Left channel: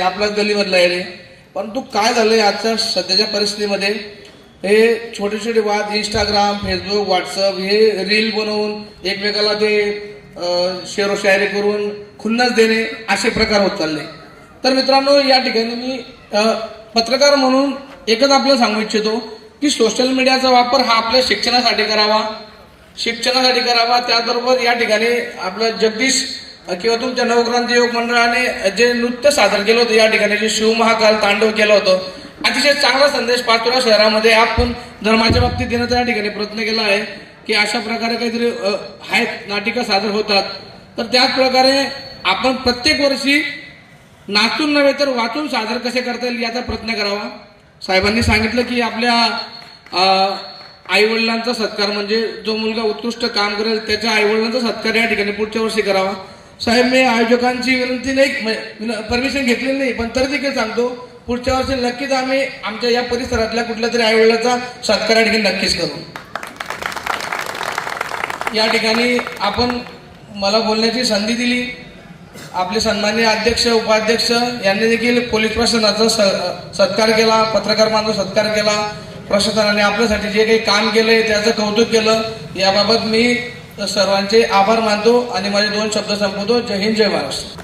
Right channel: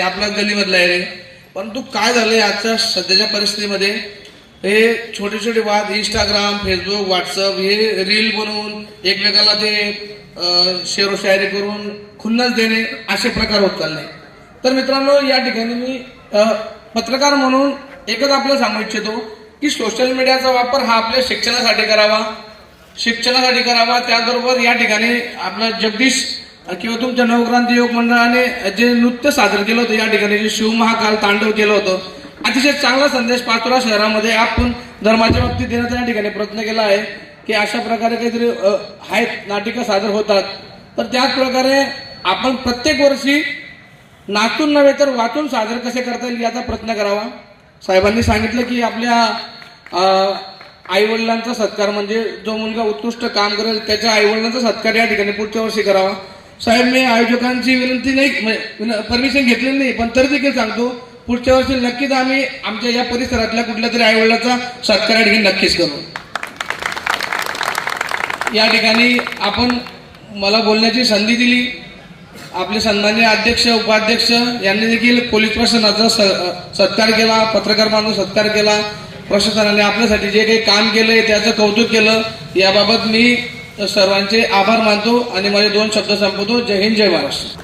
आपल्याच गल्लीमधला आहे रे. परंतु काय झालंय आजच्या सध्याच्या परिस्थितीमध्ये हे छोटे छोटे वाद इंस्टाग्राम फेसबुक व्हॉट्सअप हे रील बनवून एकमेकाला ते शेअर शायरी करून खुन्नस देणे असे प्रकार होत चालले. तर मित्रांनो, या ठिकाणी मी पत्रकार म्हणून एकच आपल्याला सांगू इच्छितो की सोशल मीडियाचा वापर हा आपल्या शिक्षणासाठी करावा. त्याचबरोबर या ठिकाणी आपला जगदीश किंवा तुमच्या नवक्रांती योग मंडळाने जे नृत्य सादर केलं होतं, या ठिकाणी जे शिवमहाकाल तांडव केलं होतं, अतिशय चांगला संदेश पाचोरा शहरामध्ये आपण धर्माच्या बाबतीत देण्याचा या ठिकाणी प्रयत्न केला आहे की अशा प्रकारे काहीतरी आहेत नाटिका सादर होतात. तर त्याच प्रकारे आपण प्रत्येक वर्षी नाचून नव्हे तर वाचून सादर कसे करता येईल याचा प्रयत्न करावा. साहेबांनी सांगितलं की आपल्या आई वडिलांचा सत्कार म्हणजे जो मुलगा उत्कृष्ट काम करेल त्याच्या आई वडिलांचा सत्कार या ठिकाणी पुढच्या वर्षी करावा. साहेब, मी आयोजकांची विनंती नाही, परमिशन घेतलेली नाही, पण तरी देखील सांगतो पुढच्या वर्षी नक्कीच आम्ही आमच्या या परिसरातल्या कुठल्या तरी आई वडिलांचा सत्कार या ठिकाणी नक्कीच करू. या ठिकाणी आपण मला बोलण्याची संधी दिली. आपले सन्माननीय अध्यक्ष उपाध्यक्ष यांनी देखील पोलीस प्रशासनाचा सत्कार केला, पत्रकार बांधव सत्कार केला. प्रशासनाने आपल्यासाठी जे काही काम केलंय त्याचं कौतुक केलं. याबाबत मी सर्वांचे आभार मानतो आणि माझे 2 शब्द संपवतो. जय हिंद, जय महाराष्ट्र.